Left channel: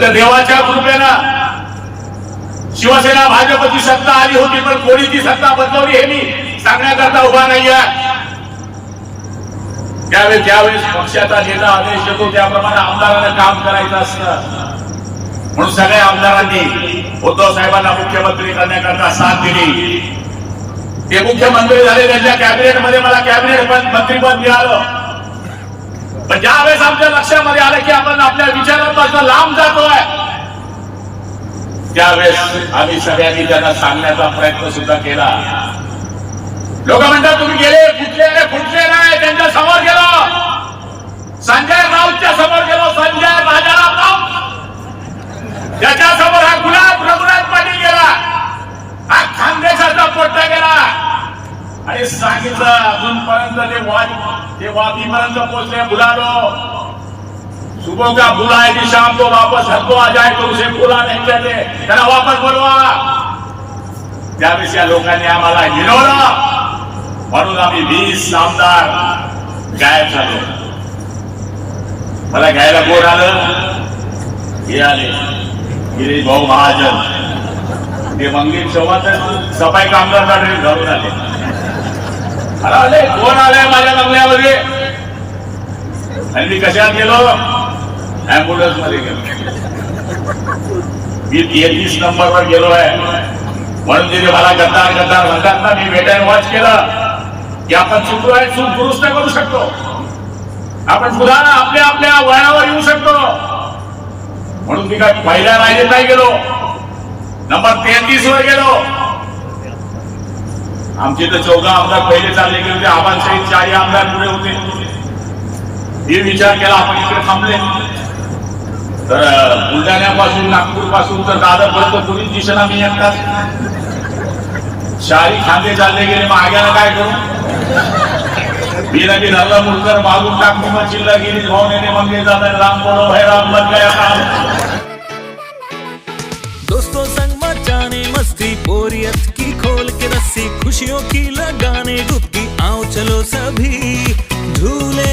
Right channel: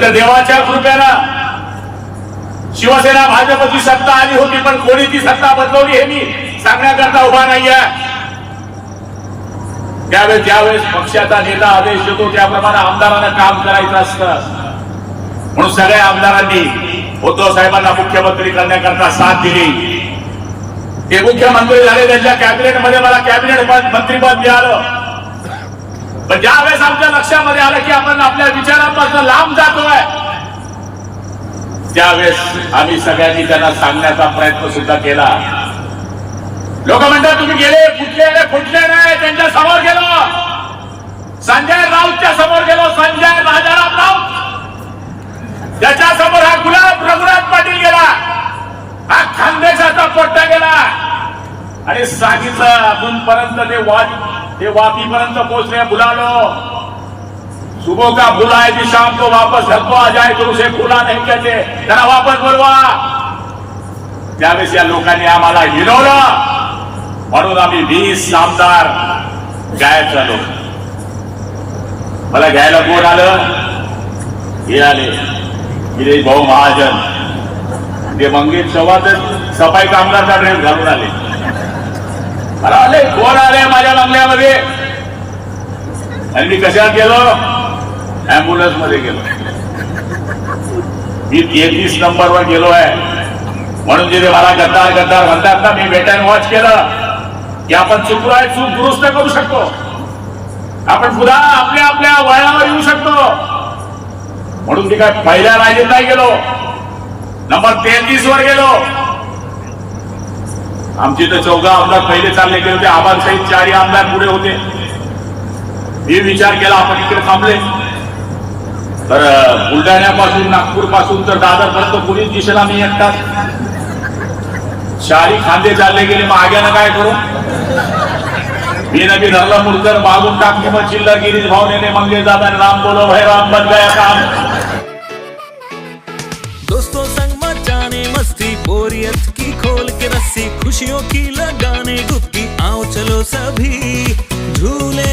तर देवाच्या कृपेनं शिवसेना भाजपची सत्ता आली होती पण कोणी ती सत्ता बदलवली हे मी सांगण्याकरता उभा नाही आहे त्यावेळेस ज्यावेळेस पक्षाचा नेता आदेश देतो त्याप्रमाणे आमदारांना काम करायचं असतं. म्हणून सगळ्या आमदारांनी उद्धव साहेबांना मुख्यमंत्री करण्याकरता साथ दिली. ते मुख्यमंत्री झाले त्यांच्या कॅबिनेटमध्ये मला कॅबिनेट मंत्रीपद मिळालं. पण ज्या वेळेस आमच्या लक्षामध्ये आलं की आपण आपल्या विचारांपासून लांब त्यावेळेस आम्ही सगळ्यांनी त्यांना सांगण्याचा प्रयत्न सुद्धा केला. लोक म्हणतात तुम्ही गेले फुटले नाही फुटले नाही त्यांच्यासमोर गेलो. संजय राऊतच्या समोर गेलो संजय राजाराम राऊत. त्याच्यासमोर हा गुलाब रघुनाथ पाटील गेला. हा खानदेशाचा पट्टा गेला. आणि सांगितलं अजूनपर्यंत ते वाट ते वापीपर्यंत पोहोचले बुलालो. सुबह का बुला है कि शाम को वापस घर आ जाए तो उसे बुला नहीं कहते त्यांना वापस बोलवा। त्यावेळेस या लोकांनी आम्हाला हिरवलं म्हणून आम्ही वीस आमदार गायब झालो मला घ्यायला कोण आलं हे आले गिरीश भाऊ महाजन। ते मंगेश चव्हाण सफाई कामगारचा ड्रेस घालून आले। मला आले कोण आले माझ्या बंगल्यामध्ये आणि मी कशात गेलो ऍम्ब्युलन्समध्ये गेलो. मी तेहतीस नंबर वर गेलो आहे. म्हणून तिथे मला गद्दा गद्दा म्हणतात ना मी वेट अँड वॉच केलं. की आपण चुकलो आहे चूक दुरुस्त करू शकतो. आपण पुन्हा आपल्या आपल्या वयावर येऊ शकतो. म्हणून मी काय पहिल्या राहिलेत नाही गेलो. नंबर तेहतीस वर गेलो. आमचे तर चौदा आमदार पहिले चालले गेले होते. आबासाहेब सहित चारही आमदार पुढे होते. मी विचार केला आपण इकडे थांबले. तर बुलढाण्यापासून नागपूरपासून तर दादर पर्यंत कुणीच दिसेना मी आणतात शाही खांदे चालले गेले माग्यानं काय करू? मी नवी धरला मुलकर मागून टाकू मग चिल्ला गिरीश भावने मंगे दादा राम बोलो हे राम बन गया काम. दोस्तों संग मचाने मस्ती बोरियत की खोल के रस्सी खुशियों की लगाने गुप्ती आओ चलो सभी झूले